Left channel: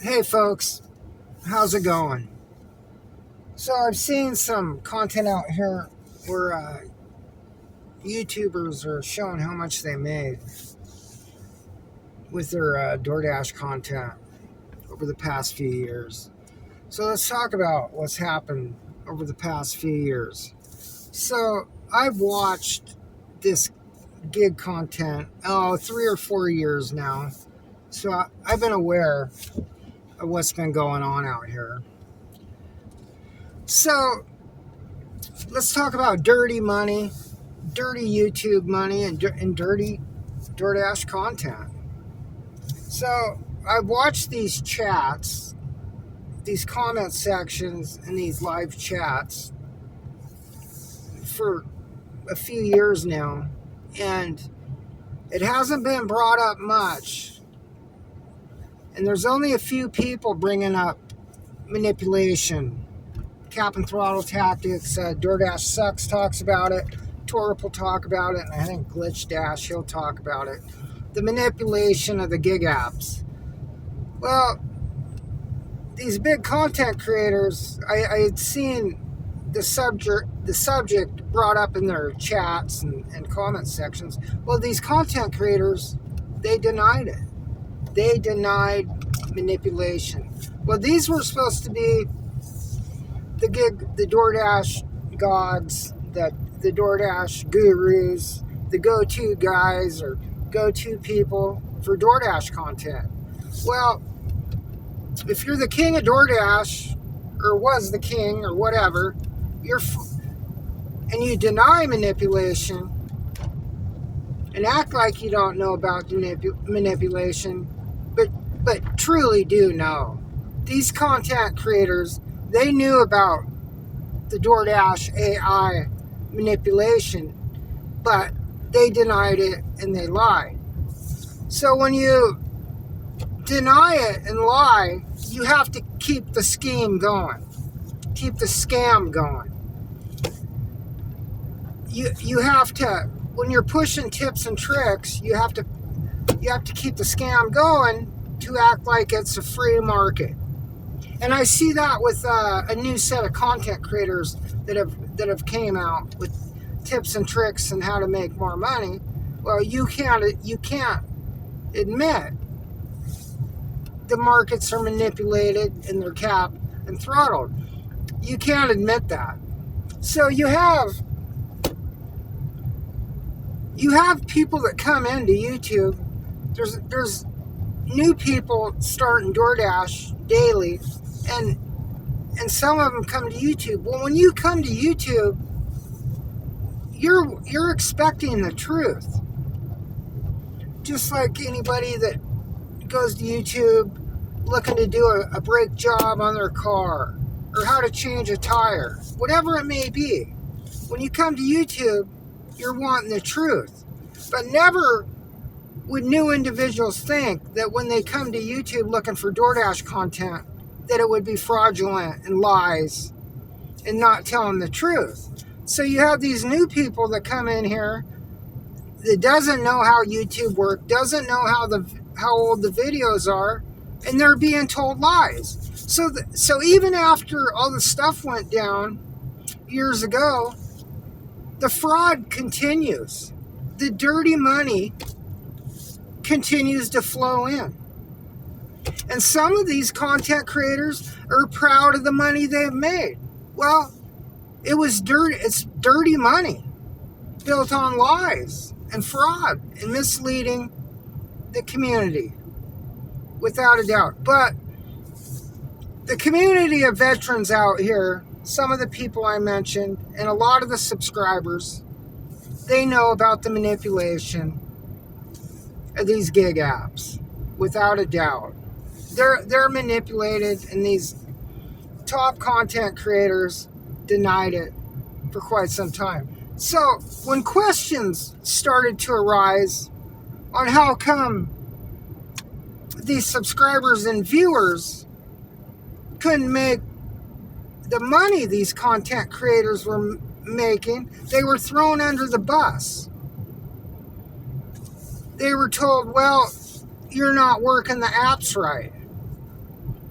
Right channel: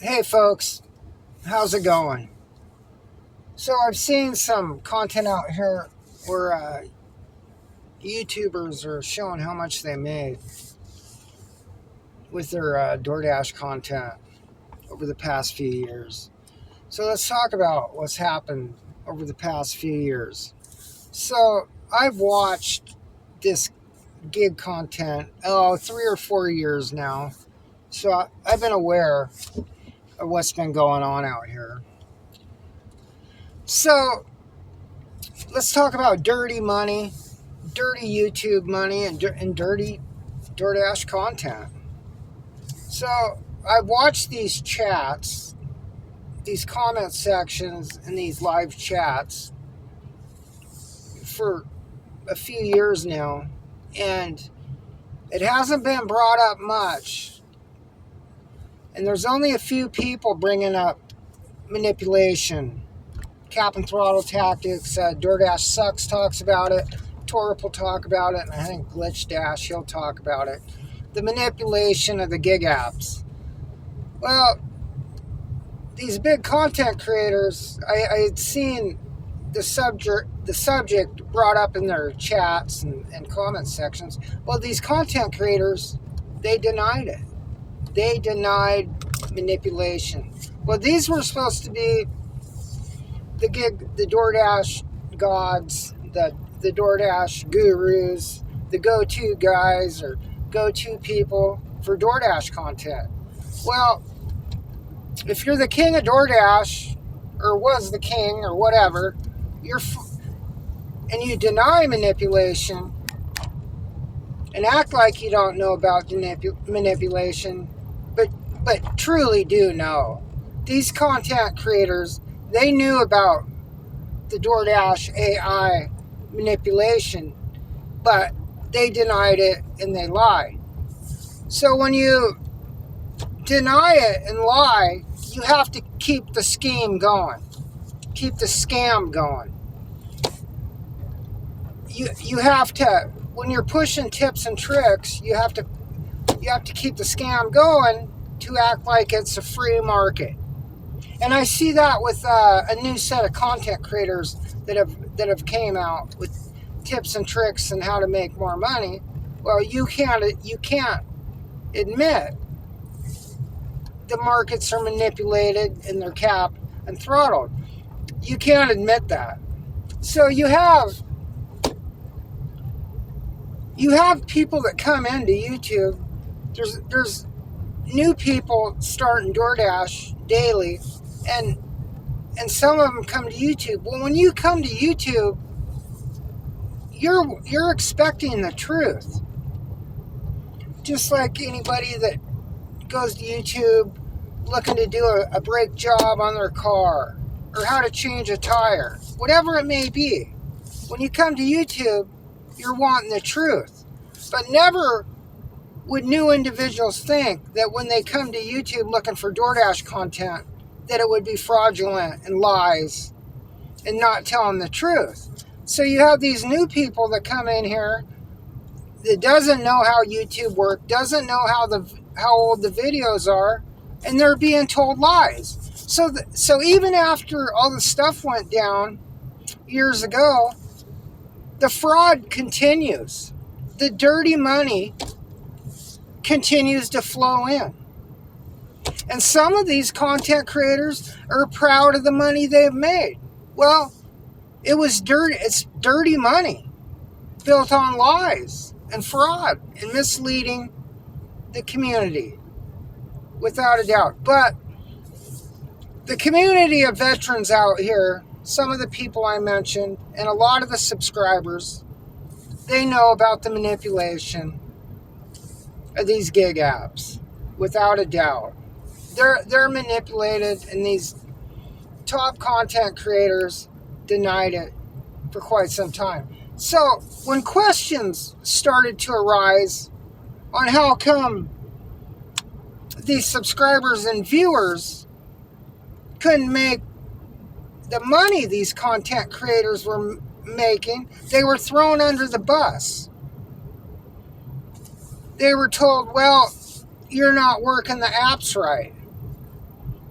Hey folks, how's it going? So I've seen some content out here where YouTubers are showing how much they made with their DoorDash content over the past few years. So let's talk about what's happened over the past few years. So I've watched this gig content 3 or 4 years now. So I've been aware of what's been going on out here. So let's talk about dirty money, dirty YouTube money, and dirty DoorDash content. So I watched these chats, these comment sections, and these live chats for a few years now, and it hasn't been brought up much. And there's only a few people bringing up manipulation, cap and throttle tactics. DoorDash Sucks talks about it. Torp will talk about it, and I think Glitch Dash, he'll talk about it. The manipulation of the gig apps. Well, these big content creators, I had seen the subject brought up in their chats and comment sections. Well, these content creators, they denied it. They denied manipulation. Well, these were supposed to be the DoorDash gods, the DoorDash gurus, the go-to guys or go-to people for DoorDash content. Well, if you're the king of DoorDash, or was the king, or whatever, and you deny manipulation and act like you don't know about manipulation, but truly do know. These content creators, they knew about the DoorDash AI manipulation, but they denied it and they lied. So when you deny it and lie, you have to keep the scheme going, keep the scam going. You have to, when you're pushing tips and tricks, you have to keep the scam going to act like it's a free market. And I see that with a new set of content creators that have came out with tips and tricks and how to make more money. Well, you can't admit the markets are manipulated and they're capped and throttled. You can't admit that. So you have people that come into YouTube. There's new people starting DoorDash daily, and some of them come to YouTube. Well, when you come to YouTube, you're expecting the truth. Just like anybody that goes to YouTube looking to do a brake job on their car or how to change a tire, whatever it may be. When you come to YouTube, you're wanting the truth. But never would new individuals think that when they come to YouTube looking for DoorDash content, that it would be fraudulent and lies and not telling the truth. So you have these new people that come in here that doesn't know how YouTube works, doesn't know how old the videos are, and they're being told lies. So even after all the stuff went down years ago, the fraud continues. The dirty money continues to flow in. And some of these content creators are proud of the money they've made. Well, it was dirty. It's dirty money built on lies and fraud and misleading the community, without a doubt. But the community of veterans out here, some of the people I mentioned, and a lot of the subscribers, they know about the manipulation of these gig apps, without a doubt. They're manipulated, and these top content creators denied it for quite some time. So when questions started to arise on how come these subscribers and viewers couldn't make the money these content creators were making, they were thrown under the bus. They were told, well, you're not working the apps right.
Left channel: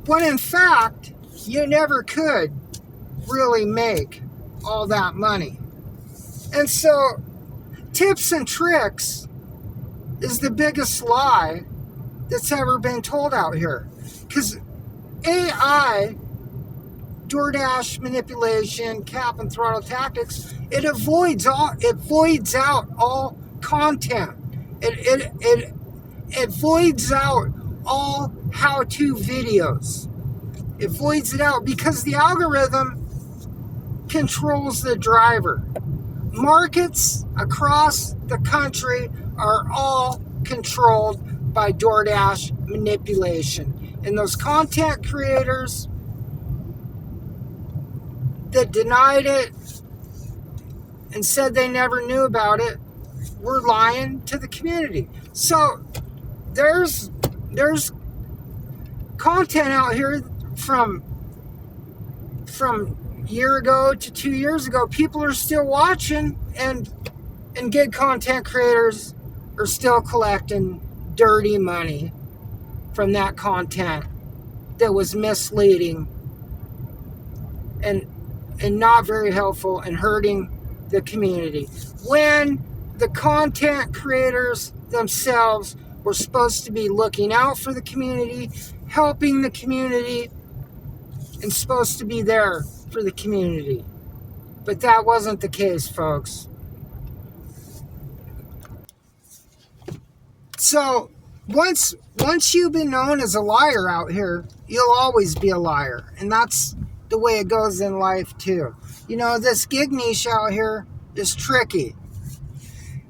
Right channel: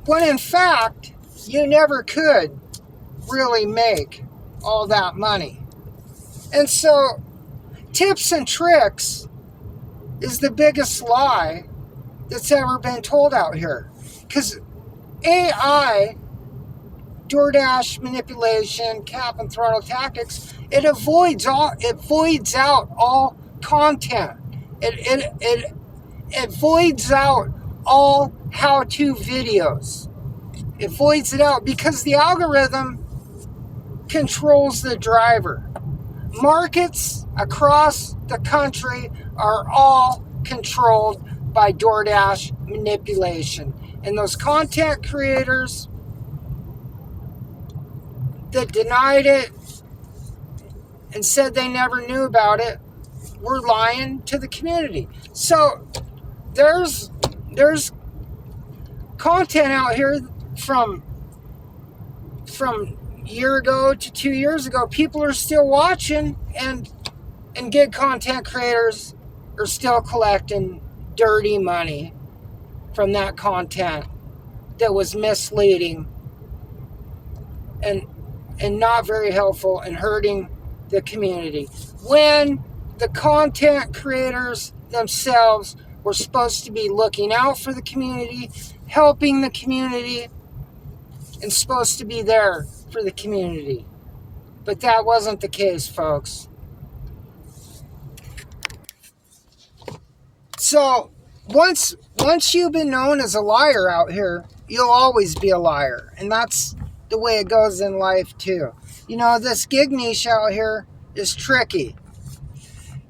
when in fact, you never could really make all that money. And so, tips and tricks is the biggest lie that's ever been told out here. Because AI, DoorDash manipulation, cap and throttle tactics, it voids out all content. It voids out all how-to videos. It voids it out because the algorithm controls the driver. Markets across the country are all controlled by DoorDash manipulation. And those content creators that denied it and said they never knew about it were lying to the community. So there's content out here from a year ago to 2 years ago. People are still watching, and gig content creators are still collecting dirty money from that content that was misleading and not very helpful and hurting the community. When the content creators themselves were supposed to be looking out for the community, helping the community, and supposed to be there for the community. But that wasn't the case, folks. So once you've been known as a liar out here, you'll always be a liar. And that's the way it goes in life too. You know, this gig niche out here is tricky.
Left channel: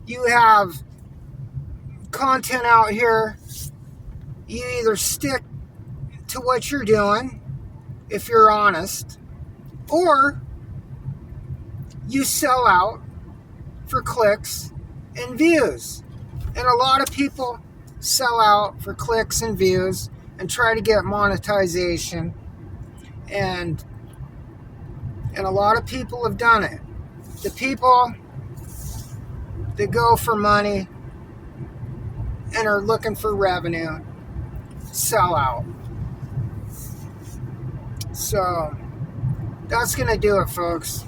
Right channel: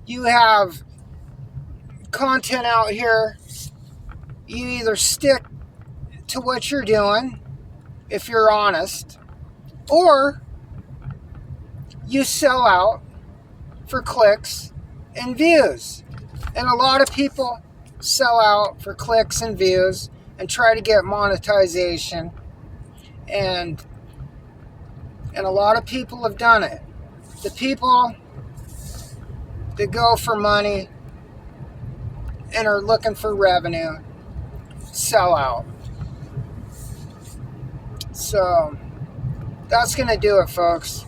You have content out here, you either stick to what you're doing, if you're honest, or you sell out for clicks and views. And a lot of people sell out for clicks and views and try to get monetization. And a lot of people have done it. The people that go for money and are looking for revenue sell out. So that's going to do it, folks.